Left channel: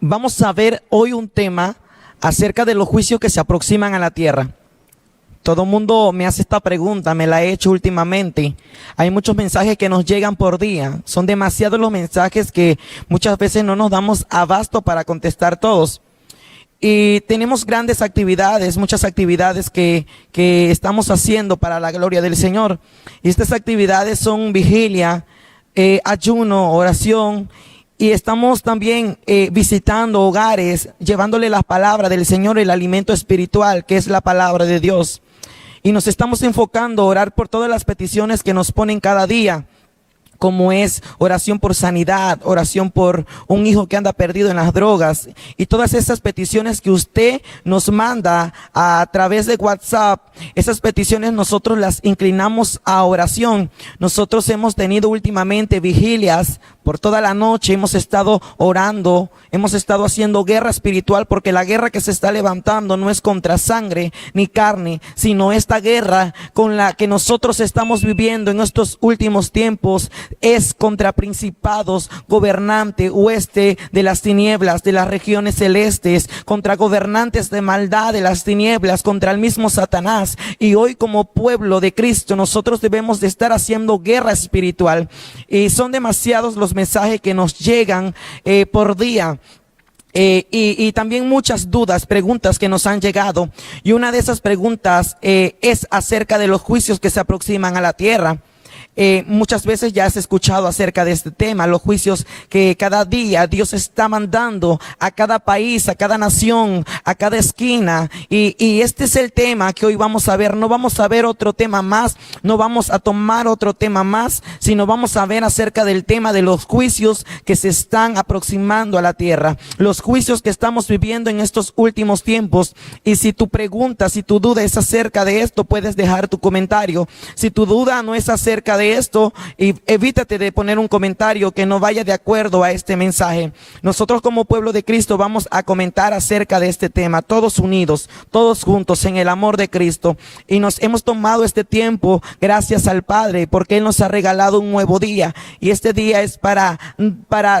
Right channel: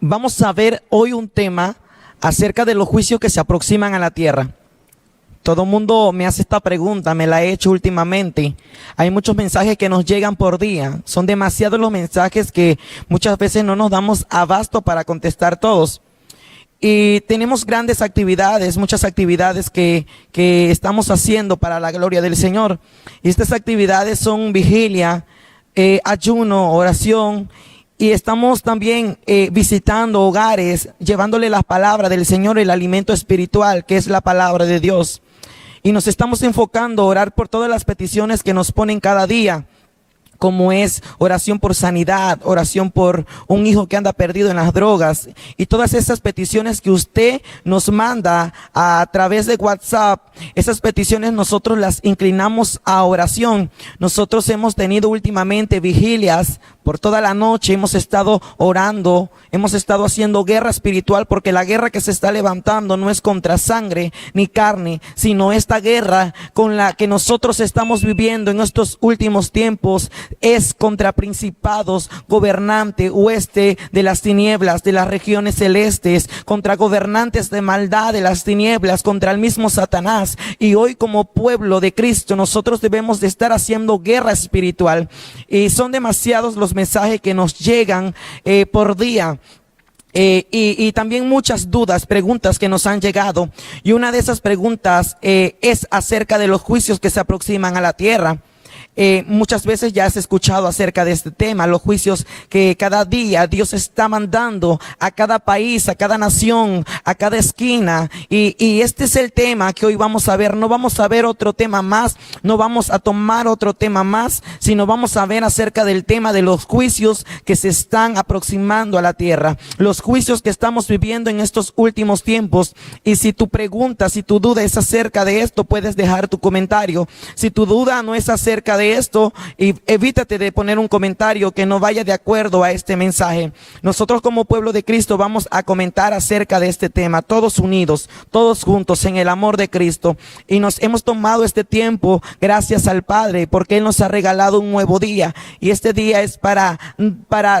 Vamos a ver hoy un tema acerca de los juicios que se aproximan a la tierra. Todo el mundo me hace esta pregunta, me la he hecho últimamente. Hay muchos mensajes que nos llegan por día. Son demasiados los mensajes que muchas veces no nos damos abasto para contestar todos. Y tenemos grandes actividades, muchas actividades que estamos haciendo para la gloria del Señor. Y estas actividades son vigilia, ayuno, oración. Y estamos también visitando hogares, llevándole la palabra del Señor, el alimento espiritual, que es la palabra de Dios. Y nos estamos enfocando a orar por todas las peticiones que nos ponen cada día, como es oración por sanidad, oración por un hijo que anda perdido en las drogas, y todas esas peticiones que usted nos manda a través de WhatsApp. Esas peticiones nosotros las inclinamos a oración. Nosotros hemos tenido últimamente vigilias por toda la noche, hemos estado orando, hemos estado haciendo guerra espiritual, porque la guerra que se está levantando no es contra sangre ni carne, sino esta guerra con la que nosotros estamos viviendo en estos últimos tiempos es contra principados, gobernante, hueste de las tinieblas, de las regiones celestes, contra gobernantes de maldad de las tinieblas, contra el mismo Satanás. Y hoy, como pueblo de Cristo, nosotros debemos de estar haciendo guerra espiritual. Y son demasiados los mensajes que nos llegan por día. Y también muchas dudas, preguntas que nos han llegado. Y una de esas preguntas es acerca de los juicios que se aproximan a la tierra. Muchas veces ya has escuchado acerca de este tema, los juicios que cada día Dios está mandando a cada país, a cada nación, a cada esquina. Y este es el tema que hoy vamos a ver. No vamos a ver otro tema más, no vamos a tomar otro tema más, sino vamos a ver acerca del tema de los juicios que se están aproximando a la tierra, los juicios que estamos viviendo en estos últimos tiempos. Y si tu pregunta, si tu duda es acerca de esto, puedes dejar tu comentario. Si tu duda no es acerca de esto, y evítate de poner un comentario que no vaya de acuerdo a este mensaje. Nosotros, como pueblo de Cristo, vamos a comentar acerca de este tema, todos unidos, todos juntos en el amor de Cristo. Y nos hemos tomado este tiempo gracias al Padre, porque Él nos ha regalado un nuevo día, y este día es para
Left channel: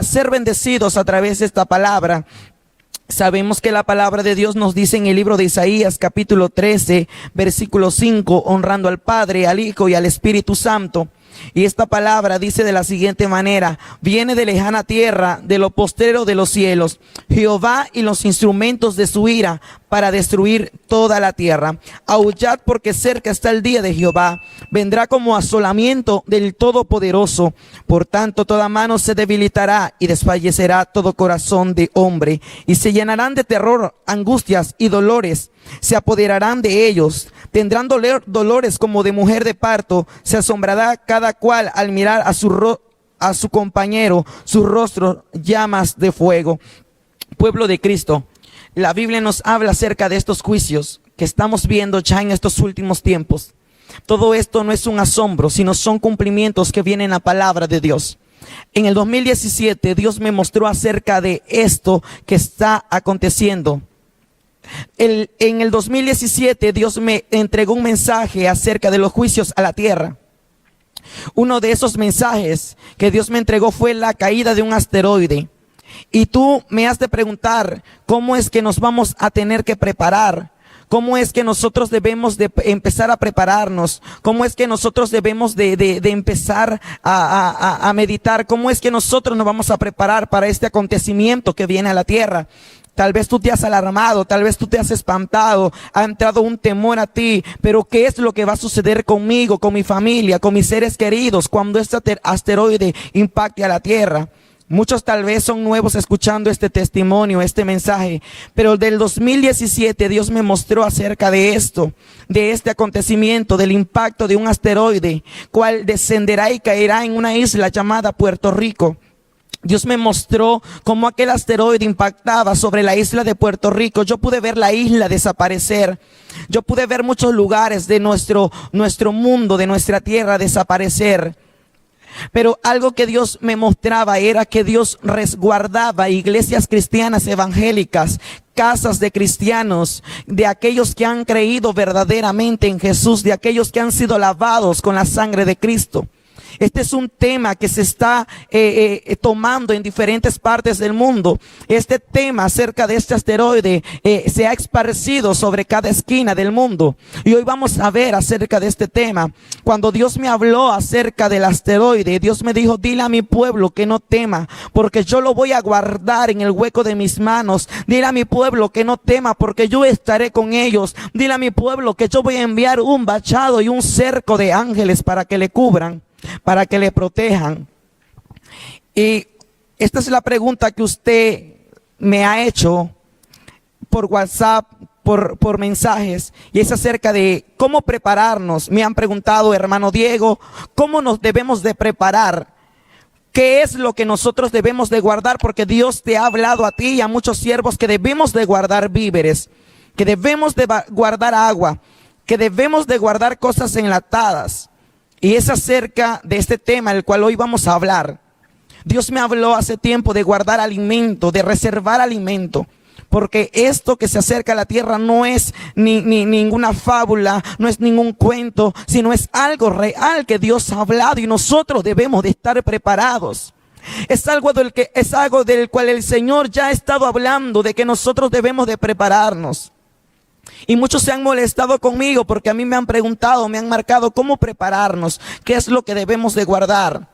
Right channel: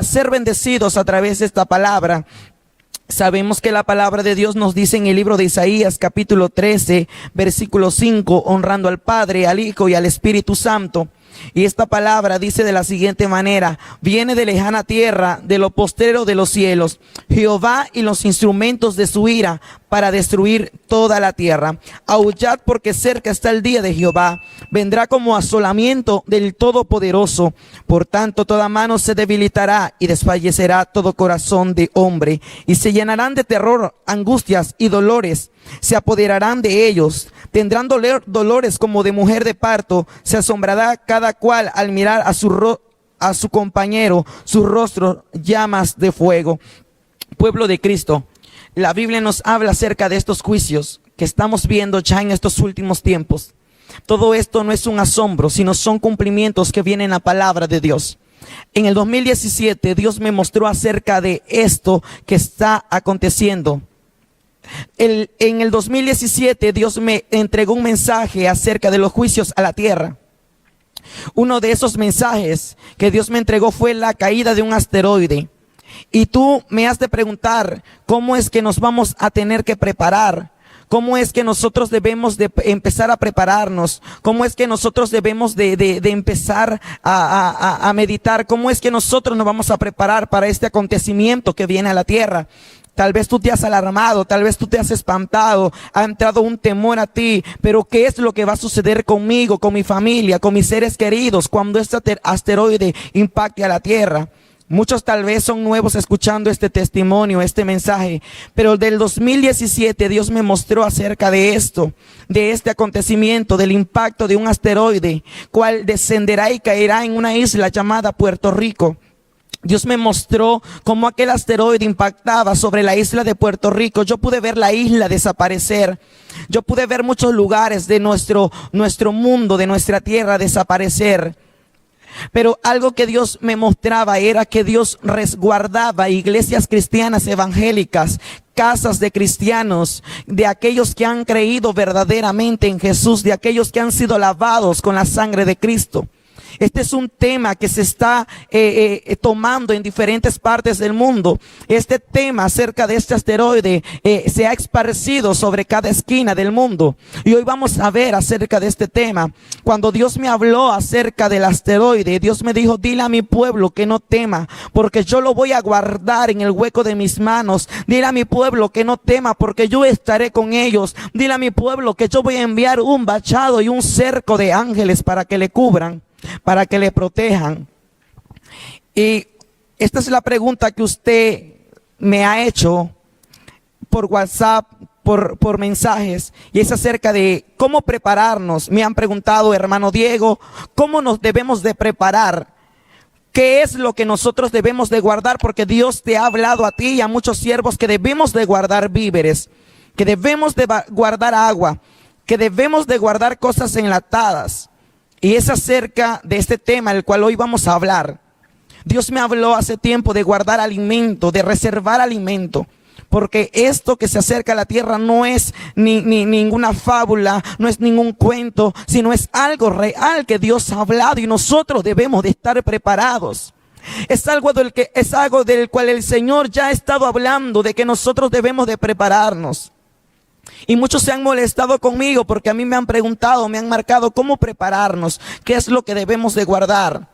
ser bendecidos a través de esta palabra. Sabemos que la palabra de Dios nos dice en el libro de Isaías, capítulo 13, versículo 5, honrando al Padre, al Hijo y al Espíritu Santo. Y esta palabra dice de la siguiente manera: viene de lejana tierra, de lo postrero de los cielos, Jehová y los instrumentos de su ira, para destruir toda la tierra. Aullad, porque cerca está el día de Jehová, vendrá como asolamiento del Todopoderoso. Por tanto, toda mano se debilitará y desfallecerá todo corazón de hombre, y se llenarán de terror, angustias y dolores. Se apoderarán de ellos, tendrán dolores como de mujer de parto. Se asombrará cada cual al mirar a su compañero, su rostro llamas de fuego. Pueblo de Cristo, la Biblia nos habla acerca de estos juicios que estamos viendo ya en estos últimos tiempos. Todo esto no es un asombro, sino son cumplimientos que vienen a palabra de Dios. En el 2017 Dios me mostró acerca de esto que está aconteciendo. En el 2017 Dios me entregó un mensaje acerca de los juicios a la tierra. Uno de esos mensajes que Dios me entregó fue la caída de un asteroide. Y tú me has de preguntar, ¿cómo es que nos vamos a tener que preparar? ¿Cómo es que nosotros debemos de empezar a prepararnos? ¿Cómo es que nosotros debemos de empezar a meditar? ¿Cómo es que nosotros nos vamos a preparar para este acontecimiento que viene a la tierra? Tal vez tú te has alarmado, tal vez tú te has espantado, ha entrado un temor a ti, pero ¿qué es lo que va a suceder conmigo, con mi familia, con mis seres queridos cuando este asteroide impacte a la tierra? Muchos tal vez son nuevos escuchando este testimonio, este mensaje, pero del 2017 Dios me mostró acerca de esto, de este acontecimiento, del impacto de un asteroide, cual descenderá y caerá en una isla llamada Puerto Rico. Dios me mostró cómo aquel asteroide impactaba sobre la isla de Puerto Rico. Yo pude ver la isla desaparecer. Yo pude ver muchos lugares de nuestro mundo, de nuestra tierra desaparecer. Pero algo que Dios me mostraba era que Dios resguardaba iglesias cristianas evangélicas, casas de cristianos, de aquellos que han creído verdaderamente en Jesús, de aquellos que han sido lavados con la sangre de Cristo. Este es un tema que se está tomando en diferentes partes del mundo. Este tema acerca de este asteroide se ha esparcido sobre cada esquina del mundo. Y hoy vamos a ver acerca de este tema. Cuando Dios me habló acerca del asteroide, Dios me dijo, dile a mi pueblo que no tema, porque yo lo voy a guardar en el hueco de mis manos. Dile a mi pueblo que no tema, porque yo estaré con ellos. Dile a mi pueblo que yo voy a enviar un vallado y un cerco de ángeles para que le cubran, para que le protejan. Y esta es la pregunta que usted me ha hecho por WhatsApp, por mensajes, y es acerca de cómo prepararnos. Me han preguntado, hermano Diego, ¿cómo nos debemos de preparar? ¿Qué es lo que nosotros debemos de guardar? Porque Dios te ha hablado a ti y a muchos siervos que debemos de guardar víveres, que debemos de guardar agua, que debemos de guardar cosas enlatadas. Y es acerca de este tema el cual hoy vamos a hablar. Dios me habló hace tiempo de guardar alimento, de reservar alimento. Porque esto que se acerca a la tierra no es ninguna fábula, no es ningún cuento, sino es algo real que Dios ha hablado y nosotros debemos de estar preparados. Es algo del cual el Señor ya ha estado hablando, de que nosotros debemos de prepararnos. Y muchos se han molestado conmigo porque a mí me han preguntado, me han marcado cómo prepararnos, qué es lo que debemos de guardar.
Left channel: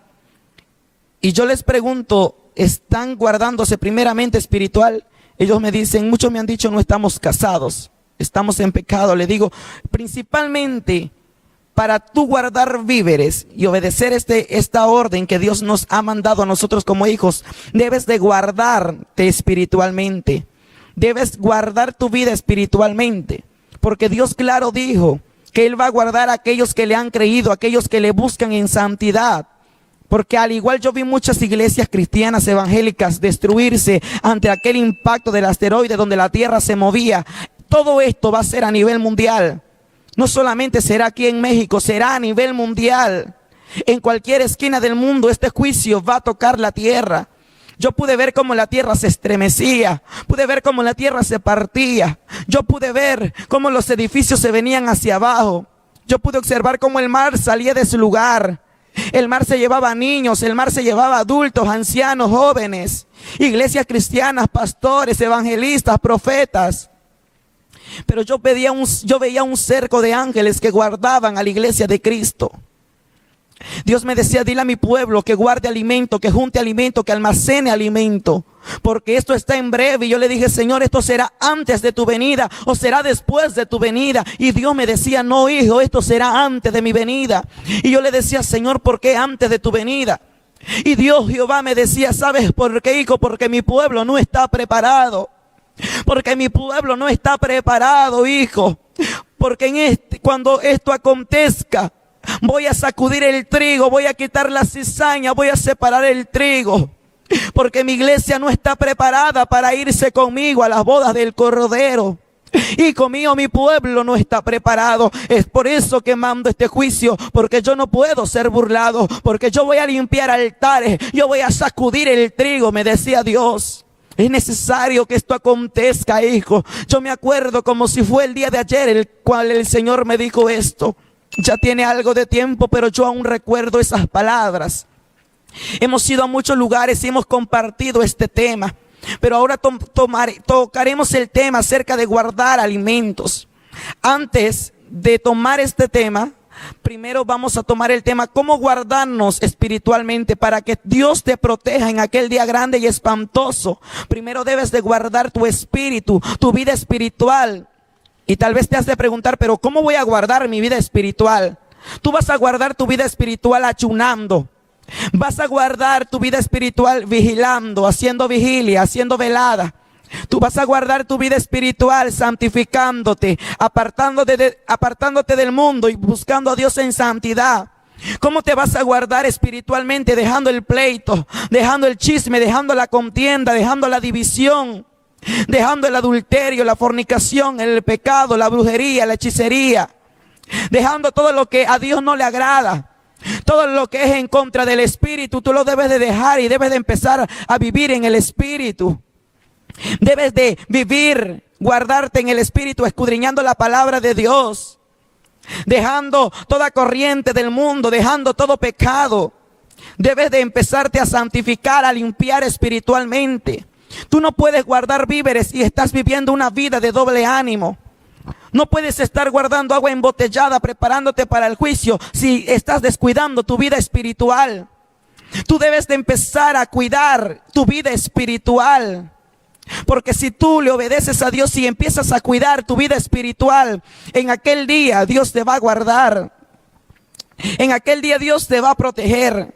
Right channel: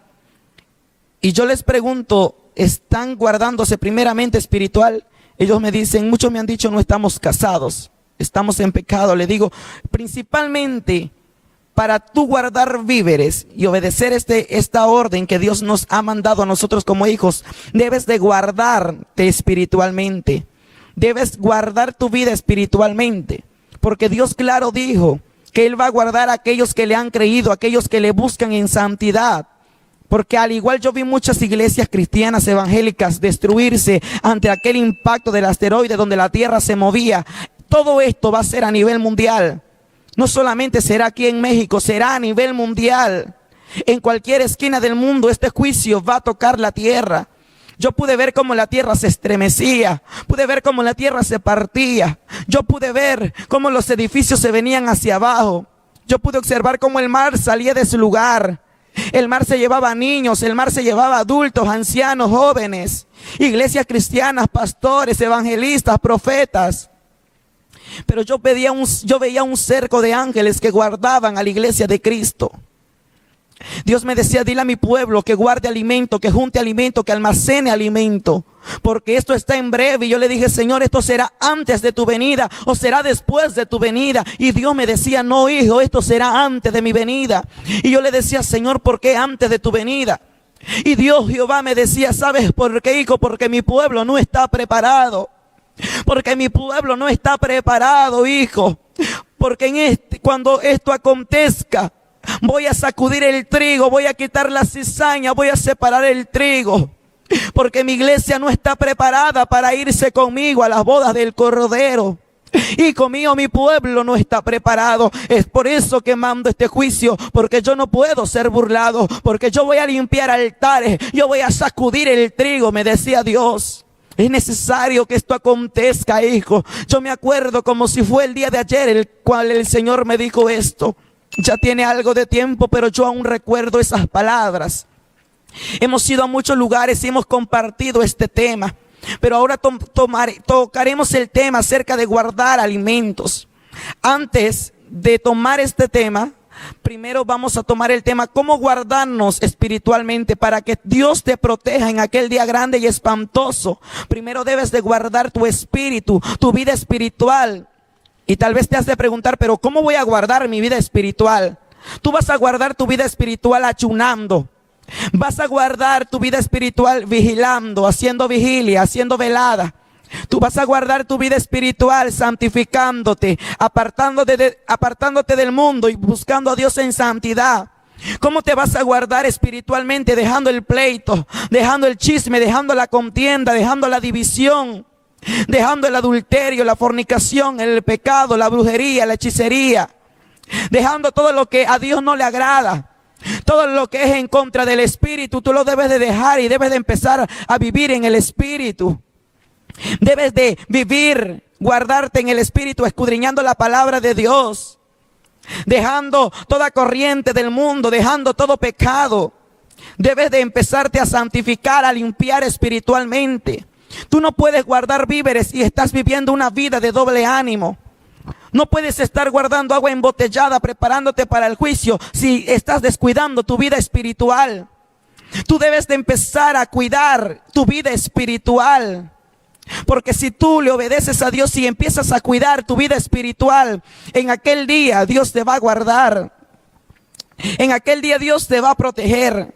Y yo les pregunto, ¿están guardándose primeramente espiritual? Ellos me dicen, muchos me han dicho, no estamos casados, estamos en pecado. Le digo, principalmente para tú guardar víveres y obedecer esta orden que Dios nos ha mandado a nosotros como hijos, debes de guardarte espiritualmente. Debes guardar tu vida espiritualmente, porque Dios claro dijo que Él va a guardar a aquellos que le han creído, a aquellos que le buscan en santidad. Porque al igual yo vi muchas iglesias cristianas evangélicas destruirse ante aquel impacto del asteroide donde la tierra se movía. Todo esto va a ser a nivel mundial. No solamente será aquí en México, será a nivel mundial. En cualquier esquina del mundo este juicio va a tocar la tierra. Yo pude ver cómo la tierra se estremecía, pude ver cómo la tierra se partía, yo pude ver cómo los edificios se venían hacia abajo, yo pude observar cómo el mar salía de su lugar, el mar se llevaba niños, el mar se llevaba adultos, ancianos, jóvenes, iglesias cristianas, pastores, evangelistas, profetas. Pero yo veía un cerco de ángeles que guardaban a la iglesia de Cristo. Dios me decía, dile a mi pueblo que guarde alimento, que junte alimento, que almacene alimento, porque esto está en breve. Y yo le dije, Señor, ¿esto será antes de tu venida o será después de tu venida? Y Dios me decía, no, hijo, esto será antes de mi venida. Y yo le decía, Señor, ¿por qué antes de tu venida? Y Dios, Jehová, me decía, ¿sabes por qué, hijo? Porque mi pueblo no está preparado. Porque mi pueblo no está preparado, hijo. Porque cuando esto acontezca, voy a sacudir el trigo, voy a quitar la cizaña, voy a separar el trigo. Porque mi iglesia no está preparada para irse conmigo a las bodas del Cordero. Hijo mío, mi pueblo no está preparado. Es por eso que mando este juicio, porque yo no puedo ser burlado, porque yo voy a limpiar altares, yo voy a sacudir el trigo, me decía Dios. Es necesario que esto acontezca, hijo. Yo me acuerdo como si fue el día de ayer el cual el Señor me dijo esto. Ya tiene algo de tiempo, pero yo aún recuerdo esas palabras. Hemos ido a muchos lugares y hemos compartido este tema. Pero ahora tocaremos el tema acerca de guardar alimentos. Antes de tomar este tema, primero vamos a tomar el tema cómo guardarnos espiritualmente para que Dios te proteja en aquel día grande y espantoso. Primero debes de guardar tu espíritu, tu vida espiritual. Y tal vez te has de preguntar, pero ¿cómo voy a guardar mi vida espiritual? Tú vas a guardar tu vida espiritual ayunando. Vas a guardar tu vida espiritual vigilando, haciendo vigilia, haciendo velada. Tú vas a guardar tu vida espiritual santificándote, apartándote del mundo y buscando a Dios en santidad. ¿Cómo te vas a guardar espiritualmente? Dejando el pleito, dejando el chisme, dejando la contienda, dejando la división, dejando el adulterio, la fornicación, el pecado, la brujería, la hechicería, dejando todo lo que a Dios no le agrada, todo lo que es en contra del espíritu. Tú lo debes de dejar y debes de empezar a vivir en el espíritu. Debes de vivir, guardarte en el espíritu, escudriñando la palabra de Dios. dejando toda corriente del mundo, dejando todo pecado. Debes de empezarte a santificar, a limpiar espiritualmente. Tú no puedes guardar víveres y estás viviendo una vida de doble ánimo. No puedes estar guardando agua embotellada, preparándote para el juicio, si estás descuidando tu vida espiritual. Tú debes de empezar a cuidar tu vida espiritual. Porque si tú le obedeces a Dios y empiezas a cuidar tu vida espiritual, en aquel día Dios te va a guardar. En aquel día Dios te va a proteger.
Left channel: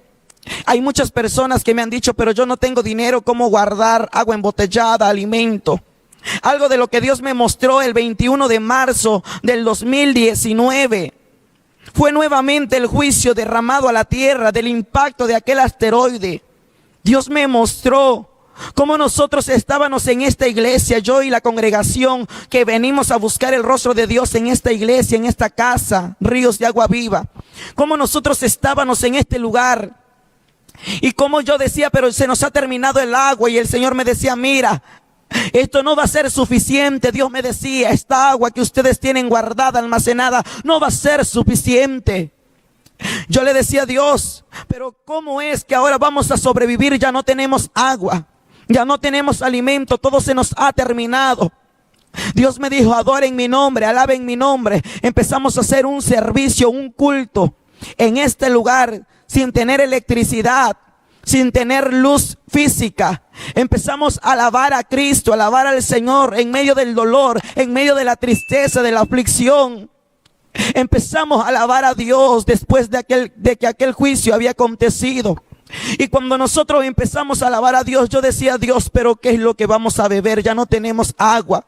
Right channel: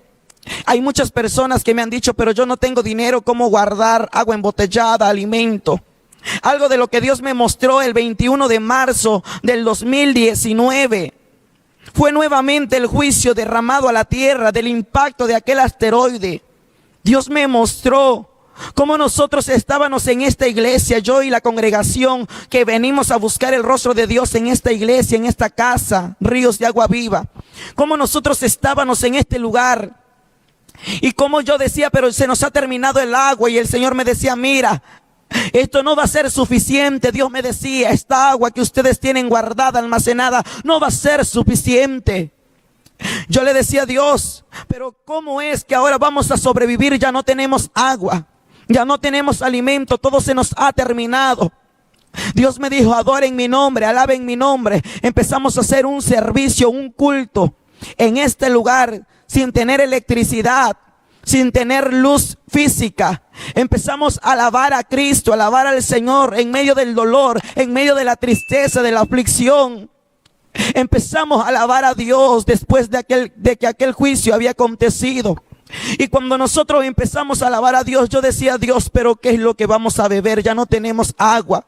Hay muchas personas que me han dicho, pero yo no tengo dinero, ¿cómo guardar agua embotellada, alimento? Algo de lo que Dios me mostró el 21 de marzo del 2019. Fue nuevamente el juicio derramado a la tierra del impacto de aquel asteroide. Dios me mostró cómo nosotros estábamos en esta iglesia, yo y la congregación que venimos a buscar el rostro de Dios en esta iglesia, en esta casa, Ríos de Agua Viva. Cómo nosotros estábamos en este lugar. Y como yo decía, pero se nos ha terminado el agua, y el Señor me decía, mira, esto no va a ser suficiente. Dios me decía, esta agua que ustedes tienen guardada, almacenada, no va a ser suficiente. Yo le decía a Dios, pero ¿cómo es que ahora vamos a sobrevivir? Ya no tenemos agua, ya no tenemos alimento, todo se nos ha terminado. Dios me dijo, adoren mi nombre, alaben mi nombre. Empezamos a hacer un servicio, un culto en este lugar, sin tener electricidad, sin tener luz física. Empezamos a alabar a Cristo, a alabar al Señor en medio del dolor, en medio de la tristeza, de la aflicción. Empezamos a alabar a Dios después de que aquel juicio había acontecido. Y cuando nosotros empezamos a alabar a Dios, yo decía, Dios, pero ¿qué es lo que vamos a beber? Ya no tenemos agua.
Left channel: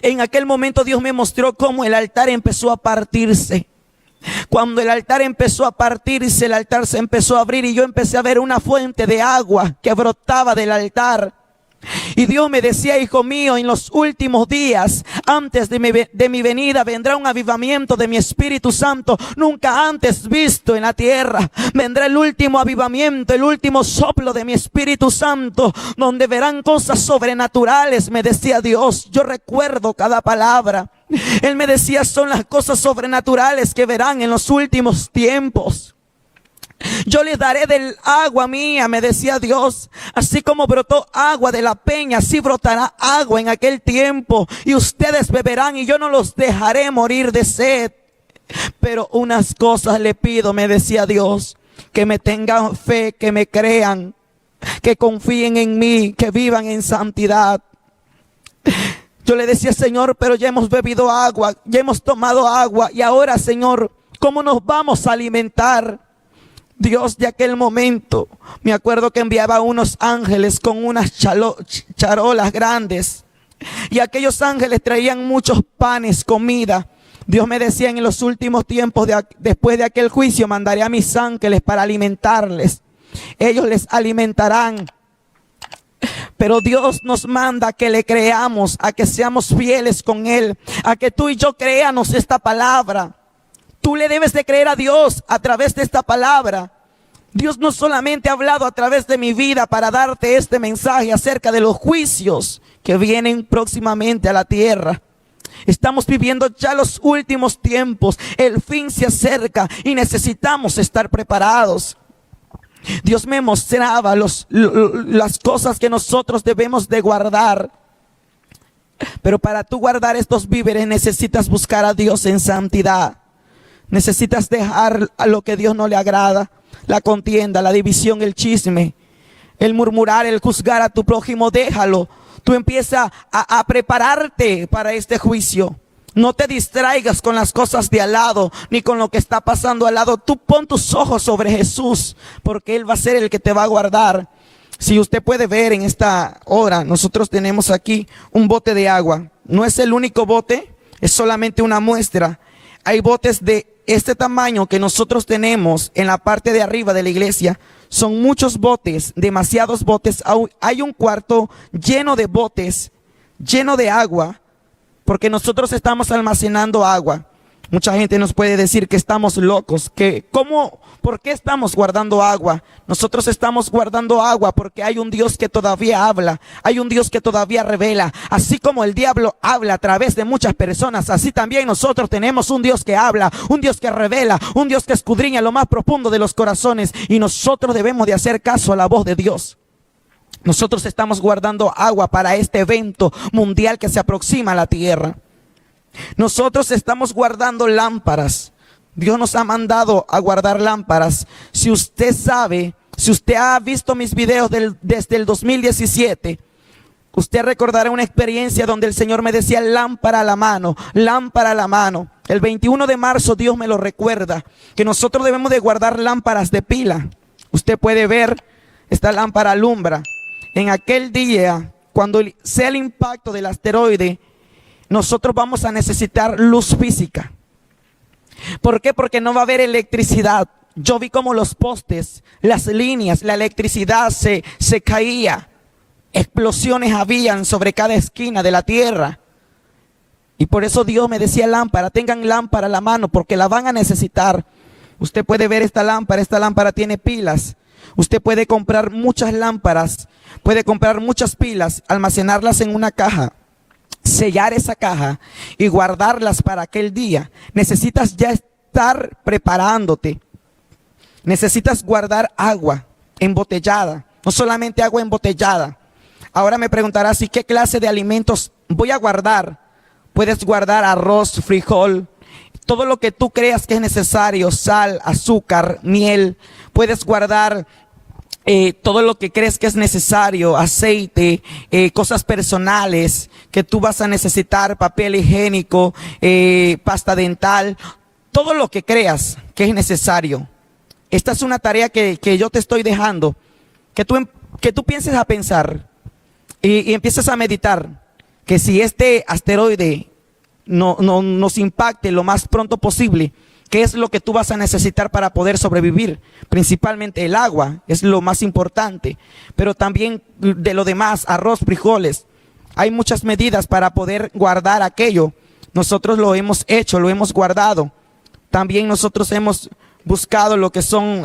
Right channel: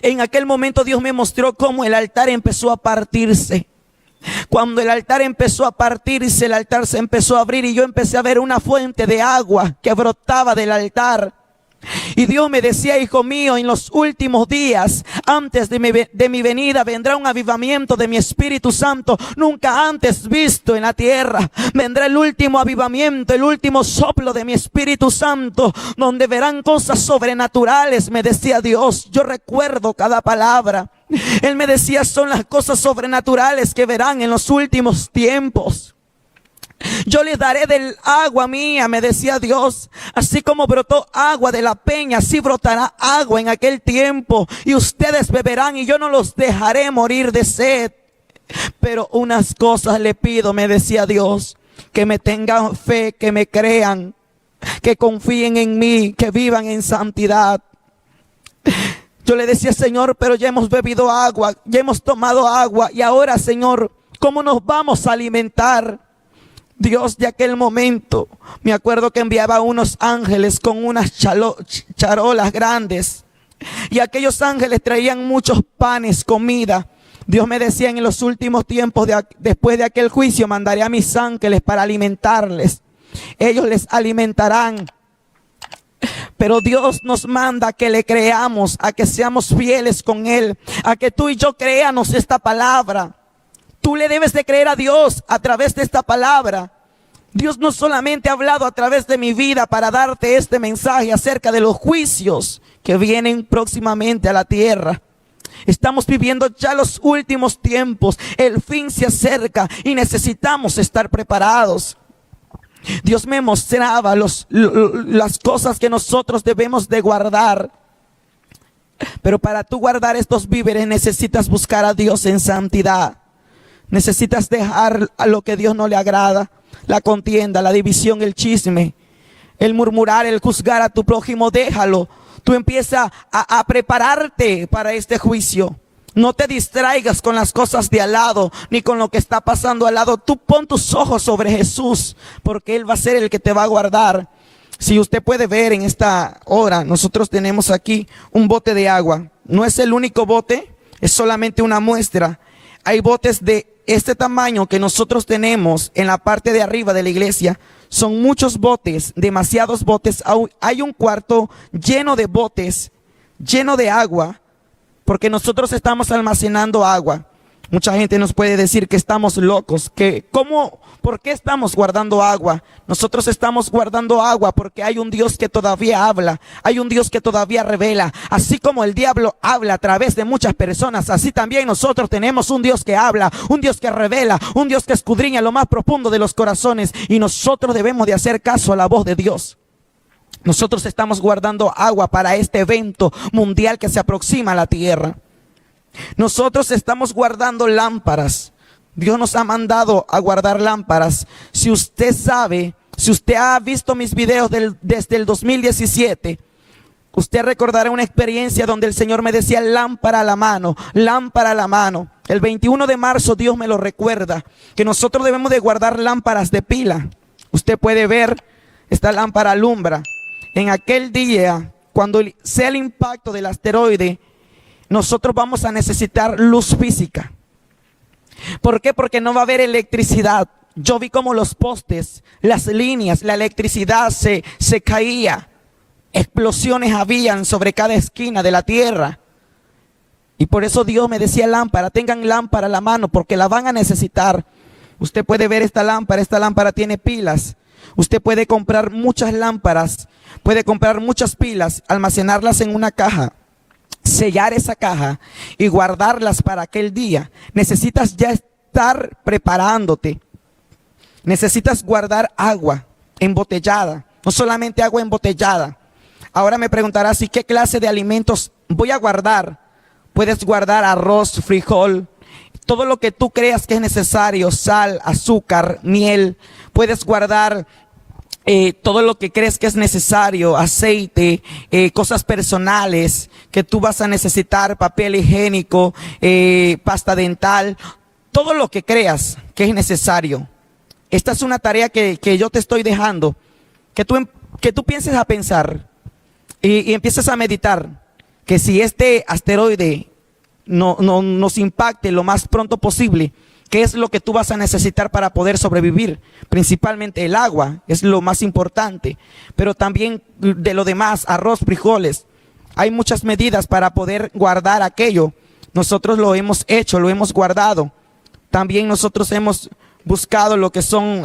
En aquel momento Dios me mostró cómo el altar empezó a partirse. Cuando el altar empezó a partirse, el altar se empezó a abrir y yo empecé a ver una fuente de agua que brotaba del altar. Y Dios me decía, hijo mío, en los últimos días, antes de mi venida, vendrá un avivamiento de mi Espíritu Santo, nunca antes visto en la tierra. Vendrá el último avivamiento, el último soplo de mi Espíritu Santo, donde verán cosas sobrenaturales, me decía Dios. Yo recuerdo cada palabra. Él me decía, son las cosas sobrenaturales que verán en los últimos tiempos. Yo les daré del agua mía, me decía Dios. Así como brotó agua de la peña, así brotará agua en aquel tiempo. Y ustedes beberán y yo no los dejaré morir de sed. Pero unas cosas le pido, me decía Dios. Que me tengan fe, que me crean, que confíen en mí, que vivan en santidad. Yo le decía, Señor, pero ya hemos bebido agua, ya hemos tomado agua. Y ahora, Señor, ¿cómo nos vamos a alimentar? Dios de aquel momento, me acuerdo que enviaba unos ángeles con unas charolas grandes. Y aquellos ángeles traían muchos panes, comida. Dios me decía, en los últimos tiempos, después de aquel juicio, mandaré a mis ángeles para alimentarles. Ellos les alimentarán. Pero Dios nos manda a que le creamos, a que seamos fieles con Él, a que tú y yo creamos esta palabra. Tú le debes de creer a Dios a través de esta palabra. Dios no solamente ha hablado a través de mi vida para darte este mensaje acerca de los juicios que vienen próximamente a la tierra. Estamos viviendo ya los últimos tiempos. El fin se acerca y necesitamos estar preparados. Dios me mostraba las cosas que nosotros debemos de guardar. Pero para tú guardar estos víveres necesitas buscar a Dios en santidad. Necesitas dejar a lo que Dios no le agrada. La contienda, la división, el chisme, el murmurar, el juzgar a tu prójimo, déjalo. Tú empieza a prepararte para este juicio. No te distraigas con las cosas de al lado, ni con lo que está pasando al lado. Tú pon tus ojos sobre Jesús, porque Él va a ser el que te va a guardar. Si usted puede ver en esta hora, nosotros tenemos aquí un bote de agua. No es el único bote, es solamente una muestra. Hay botes de este tamaño que nosotros tenemos en la parte de arriba de la iglesia. Son muchos botes, demasiados botes. Hay un cuarto lleno de botes, lleno de agua, porque nosotros estamos almacenando agua. Mucha gente nos puede decir que estamos locos, que ¿por qué estamos guardando agua? Nosotros estamos guardando agua porque hay un Dios que todavía habla, hay un Dios que todavía revela. Así como el diablo habla a través de muchas personas, así también nosotros tenemos un Dios que habla, un Dios que revela, un Dios que escudriña lo más profundo de los corazones, y nosotros debemos de hacer caso a la voz de Dios. Nosotros estamos guardando agua para este evento mundial que se aproxima a la tierra. Nosotros estamos guardando lámparas. Dios nos ha mandado a guardar lámparas. Si usted sabe, si usted ha visto mis videos desde el 2017, usted recordará una experiencia donde el Señor me decía lámpara a la mano, lámpara a la mano. El 21 de marzo Dios me lo recuerda, que nosotros debemos de guardar lámparas de pila. Usted puede ver, esta lámpara alumbra. En aquel día, cuando sea el impacto del asteroide, nosotros vamos a necesitar luz física. ¿Por qué? Porque no va a haber electricidad. Yo vi como los postes, las líneas, la electricidad se caía. Explosiones habían sobre cada esquina de la tierra. Y por eso Dios me decía lámpara, tengan lámpara a la mano porque la van a necesitar. Usted puede ver esta lámpara tiene pilas. Usted puede comprar muchas lámparas, puede comprar muchas pilas, almacenarlas en una caja, sellar esa caja y guardarlas para aquel día. Necesitas ya estar preparándote. Necesitas guardar agua embotellada, no solamente agua embotellada. Ahora me preguntarás, ¿y qué clase de alimentos voy a guardar? Puedes guardar arroz, frijol, todo lo que tú creas que es necesario, sal, azúcar, miel. Puedes guardar todo lo que crees que es necesario, aceite, cosas personales que tú vas a necesitar, papel higiénico, pasta dental, todo lo que creas que es necesario. Esta es una tarea que yo te estoy dejando, que tú pienses a pensar y empieces a meditar, que si este asteroide no nos impacte lo más pronto posible, ¿qué es lo que tú vas a necesitar para poder sobrevivir? Principalmente el agua es lo más importante, pero también de lo demás, arroz, frijoles. Hay muchas medidas para poder guardar aquello. Nosotros lo hemos hecho, lo hemos guardado. También nosotros hemos buscado lo que son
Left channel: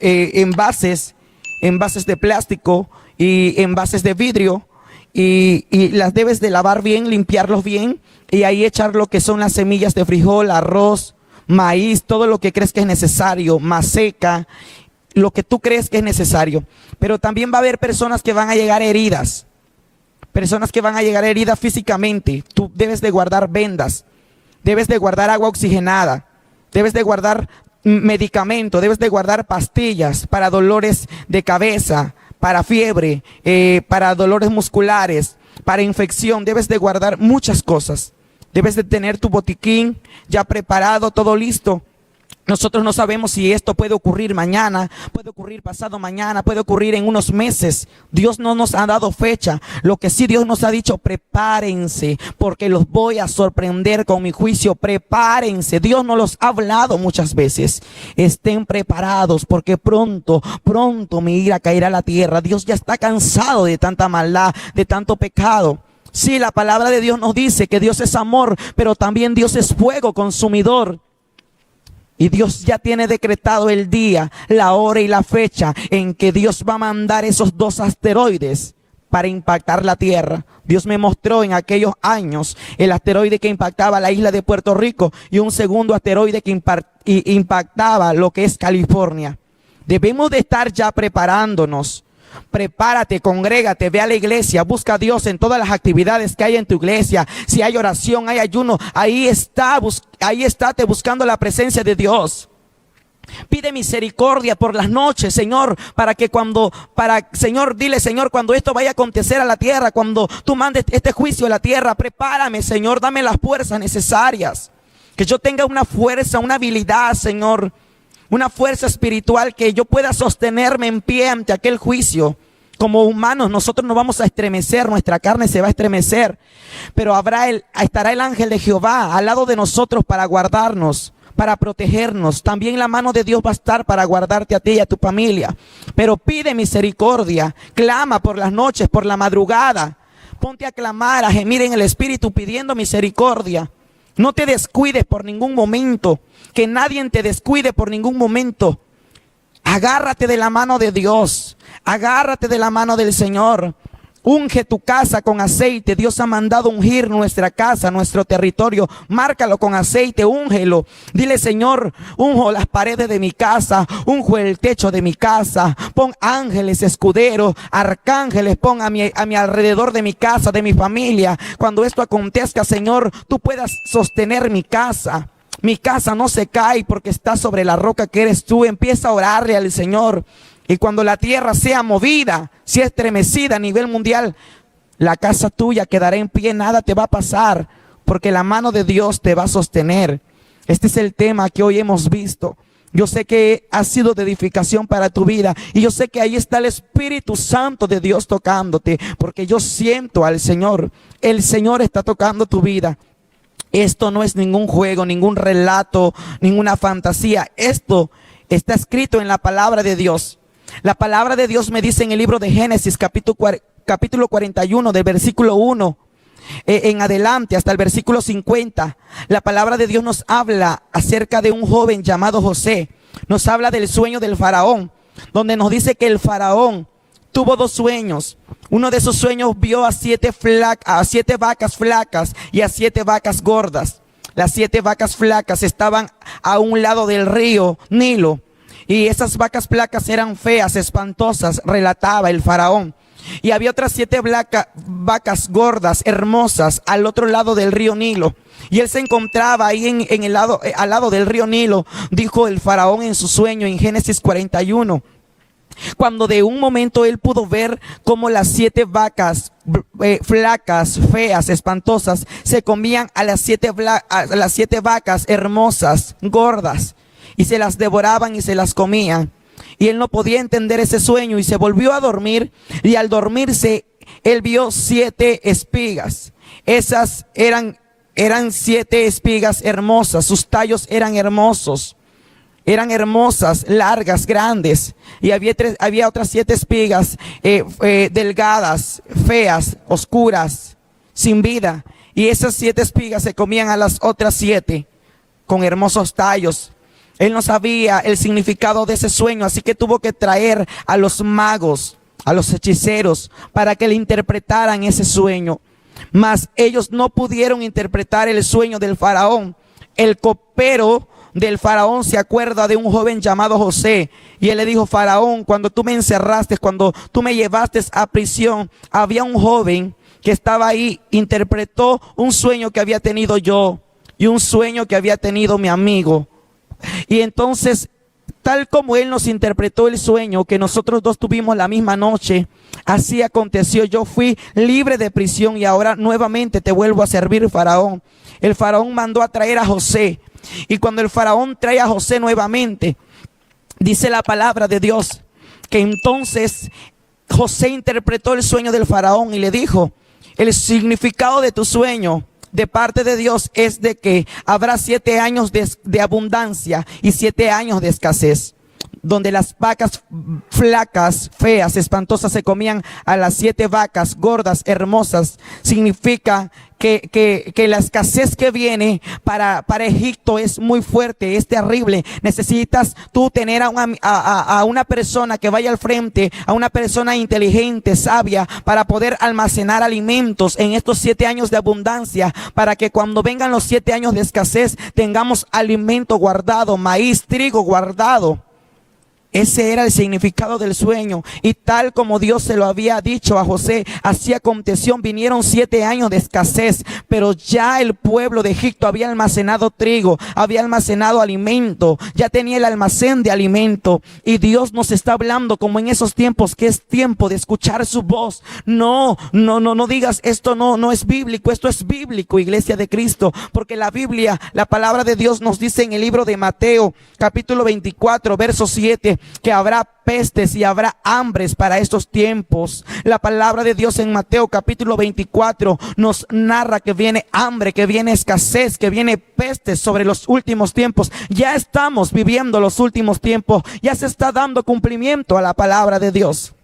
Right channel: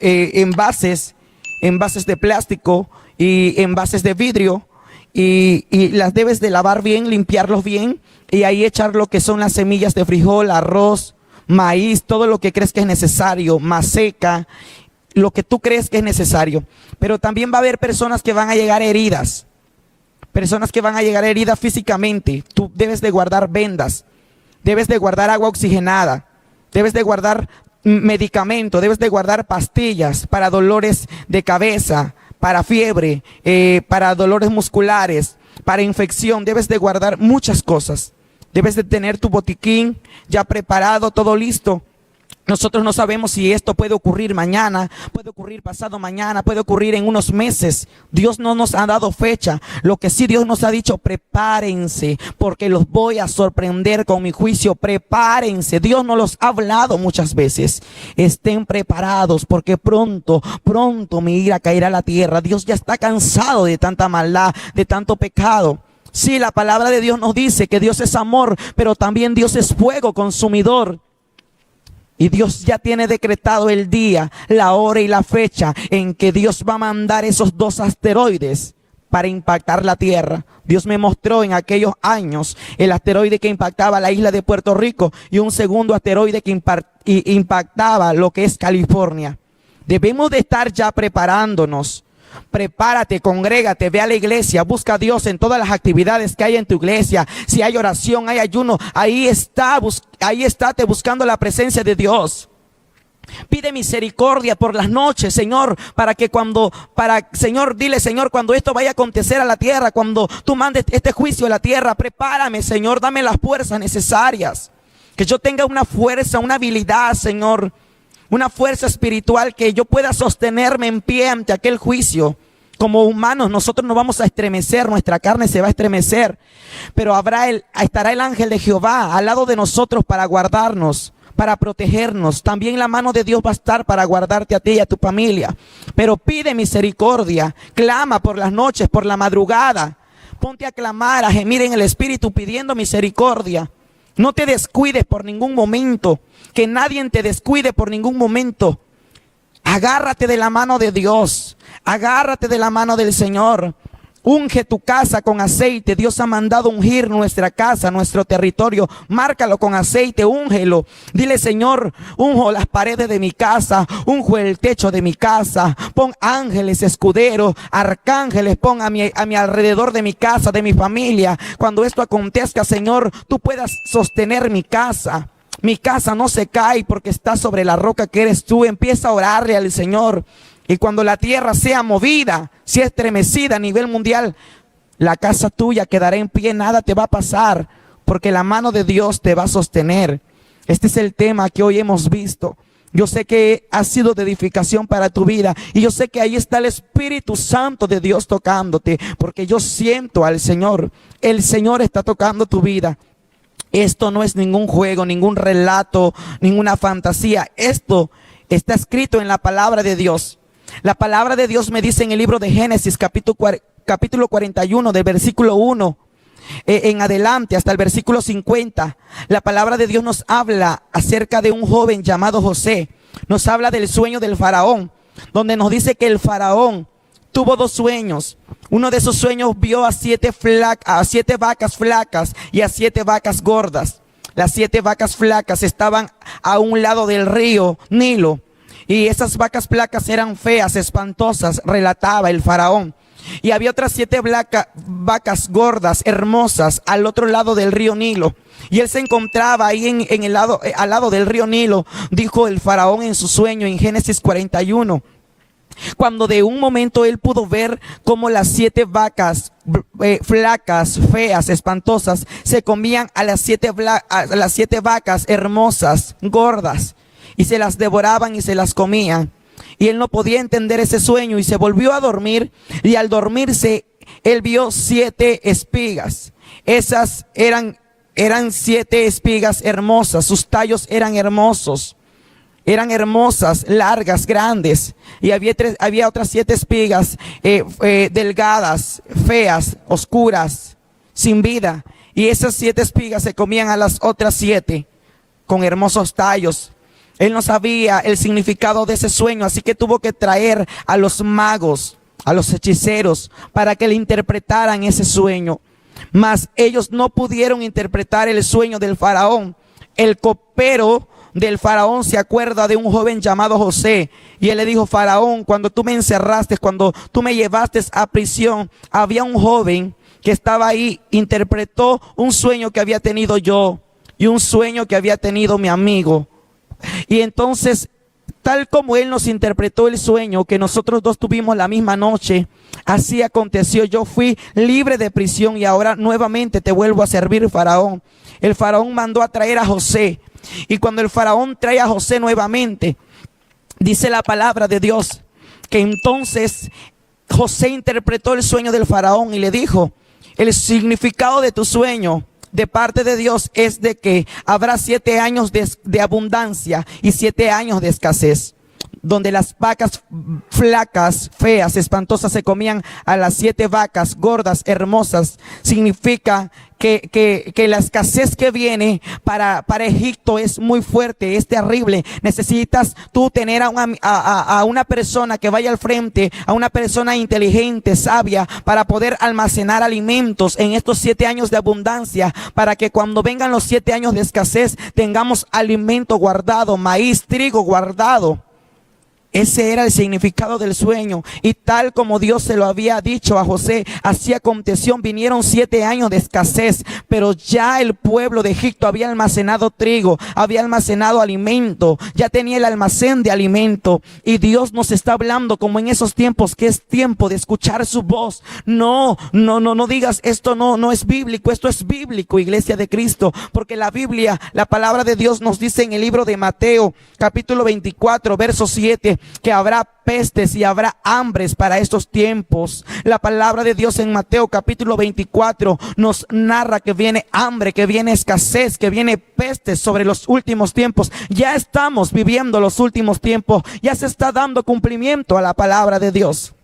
envases de plástico y envases de vidrio, y las debes de lavar bien, limpiarlos bien, y ahí echar lo que son las semillas de frijol, arroz, maíz, todo lo que crees que es necesario, maseca, lo que tú crees que es necesario. Pero también va a haber personas que van a llegar heridas, físicamente. Tú debes de guardar vendas, debes de guardar agua oxigenada, debes de guardar medicamento, debes de guardar pastillas para dolores de cabeza, para fiebre, para dolores musculares, para infección. Debes de guardar muchas cosas. Debes de tener tu botiquín ya preparado, todo listo. Nosotros no sabemos si esto puede ocurrir mañana, puede ocurrir pasado mañana, puede ocurrir en unos meses. Dios no nos ha dado fecha. Lo que sí Dios nos ha dicho, prepárense, porque los voy a sorprender con mi juicio. Prepárense. Dios nos los ha hablado muchas veces. Estén preparados, porque pronto mi ira caerá a la tierra. Dios ya está cansado de tanta maldad, de tanto pecado. Sí, la palabra de Dios nos dice que Dios es amor, pero también Dios es fuego consumidor. Y Dios ya tiene decretado el día, la hora y la fecha en que Dios va a mandar esos 2 asteroides para impactar la tierra. Dios me mostró en aquellos años el asteroide que impactaba la isla de Puerto Rico y un segundo asteroide que impactaba lo que es California. Debemos de estar ya preparándonos. Prepárate, congrégate, ve a la iglesia, busca a Dios en todas las actividades que hay en tu iglesia. Si hay oración, hay ayuno, ahí estate buscando la presencia de Dios. Pide misericordia por las noches, Señor, Señor, dile, Señor, cuando esto vaya a acontecer a la tierra, cuando tú mandes este juicio a la tierra, prepárame, Señor, dame las fuerzas necesarias. Que yo tenga una fuerza, una habilidad, Señor, una fuerza espiritual, que yo pueda sostenerme en pie ante aquel juicio. Como humanos nosotros nos vamos a estremecer, nuestra carne se va a estremecer, pero estará el ángel de Jehová al lado de nosotros para guardarnos, para protegernos. También la mano de Dios va a estar para guardarte a ti y a tu familia. Pero pide misericordia, clama por las noches, por la madrugada. Ponte a clamar, a gemir en el espíritu pidiendo misericordia. No te descuides por ningún momento. Que nadie te descuide por ningún momento. Agárrate de la mano de Dios. Agárrate de la mano del Señor. Unge tu casa con aceite. Dios ha mandado ungir nuestra casa, nuestro territorio. Márcalo con aceite, úngelo. Dile, Señor, unjo las paredes de mi casa, unjo el techo de mi casa. Pon ángeles, escuderos, arcángeles, pon a mi alrededor de mi casa, de mi familia. Cuando esto acontezca, Señor, tú puedas sostener mi casa. Mi casa no se cae porque está sobre la roca que eres tú. Empieza a orarle al Señor. Y cuando la tierra sea movida, sea estremecida a nivel mundial, la casa tuya quedará en pie, nada te va a pasar, porque la mano de Dios te va a sostener. Este es el tema que hoy hemos visto. Yo sé que ha sido de edificación para tu vida, y yo sé que ahí está el Espíritu Santo de Dios tocándote, porque yo siento al Señor. El Señor está tocando tu vida. Esto no es ningún juego, ningún relato, ninguna fantasía. Esto está escrito en la palabra de Dios. La palabra de Dios me dice en el libro de Génesis, capítulo 41, del versículo 1 en adelante hasta el versículo 50. La palabra de Dios nos habla acerca de un joven llamado José. Nos habla del sueño del faraón, donde nos dice que el faraón tuvo dos sueños. Uno de esos sueños vio a siete vacas flacas y a 7 vacas gordas. Las 7 vacas flacas estaban a un lado del río Nilo. Y esas vacas flacas eran feas, espantosas, relataba el faraón. Y había otras 7 vacas gordas, hermosas, al otro lado del río Nilo. Y él se encontraba ahí al lado del río Nilo, dijo el faraón en su sueño en Génesis 41. Cuando de un momento él pudo ver cómo las 7 vacas flacas, feas, espantosas, se comían a las 7 vacas hermosas, gordas, y se las devoraban y se las comían. Y él no podía entender ese sueño y se volvió a dormir, y al dormirse él vio 7 espigas. Esas eran 7 espigas hermosas, sus tallos eran hermosos. Eran hermosas, largas, grandes. Y había otras 7 espigas delgadas, feas, oscuras, sin vida. Y esas 7 espigas se comían a las otras 7 con hermosos tallos. Él no sabía el significado de ese sueño, así que tuvo que traer a los magos, a los hechiceros, para que le interpretaran ese sueño. Mas ellos no pudieron interpretar el sueño del faraón. El copero del faraón se acuerda de un joven llamado José, y él le dijo: faraón, cuando tú me encerraste, cuando tú me llevaste a prisión, había un joven que estaba ahí, interpretó un sueño que había tenido yo y un sueño que había tenido mi amigo. Y entonces, tal como él nos interpretó el sueño que nosotros dos tuvimos la misma noche, así aconteció. Yo fui libre de prisión y ahora nuevamente te vuelvo a servir, faraón. El faraón mandó a traer a José. Y cuando el faraón trae a José nuevamente, dice la palabra de Dios que entonces José interpretó el sueño del faraón y le dijo: el significado de tu sueño de parte de Dios es de que habrá 7 años de abundancia y 7 años de escasez, donde las vacas flacas, feas, espantosas se comían a las 7 vacas gordas, hermosas. Significa que la escasez que viene para Egipto es muy fuerte, es terrible. Necesitas tú tener a una persona que vaya al frente, a una persona inteligente, sabia, para poder almacenar alimentos en estos 7 años de abundancia, para que cuando vengan los 7 años de escasez tengamos alimento guardado, maíz, trigo guardado. Ese era el significado del sueño, y tal como Dios se lo había dicho a José, así aconteció. Vinieron 7 años de escasez, pero ya el pueblo de Egipto había almacenado trigo, había almacenado alimento, ya tenía el almacén de alimento. Y Dios nos está hablando como en esos tiempos, que es tiempo de escuchar su voz. No digas esto no es bíblico. Esto es bíblico, iglesia de Cristo, porque la Biblia, la palabra de Dios nos dice en el libro de Mateo, capítulo 24, verso 7, que habrá pestes y habrá hambres para estos tiempos. La palabra de Dios en Mateo capítulo 24 nos narra que viene hambre, que viene escasez, que viene pestes sobre los últimos tiempos. Ya estamos viviendo los últimos tiempos, ya se está dando cumplimiento a la palabra de Dios.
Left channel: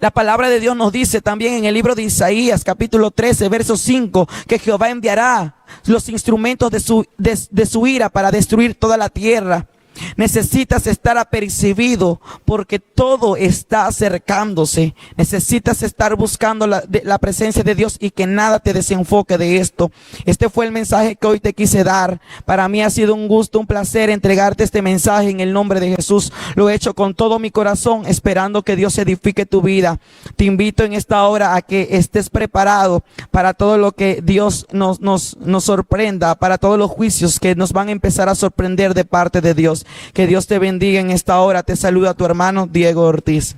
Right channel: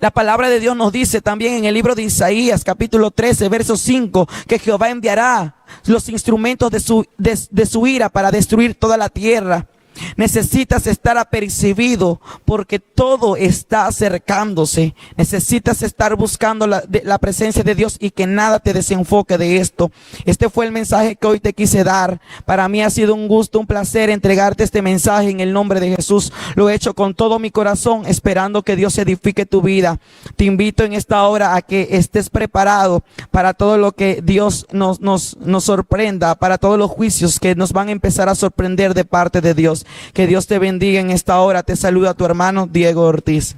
La palabra de Dios nos dice también en el libro de Isaías, capítulo 13, verso 5, que Jehová enviará los instrumentos de su ira para destruir toda la tierra. Necesitas estar apercibido porque todo está acercándose. Necesitas estar buscando la presencia de Dios y que nada te desenfoque de esto. Este fue el mensaje que hoy te quise dar. Para mí ha sido un gusto, un placer entregarte este mensaje en el nombre de Jesús. Lo he hecho con todo mi corazón, esperando que Dios edifique tu vida. Te invito en esta hora a que estés preparado para todo lo que Dios nos sorprenda, para todos los juicios que nos van a empezar a sorprender de parte de Dios. Que Dios te bendiga en esta hora. Te saluda tu hermano Diego Ortiz.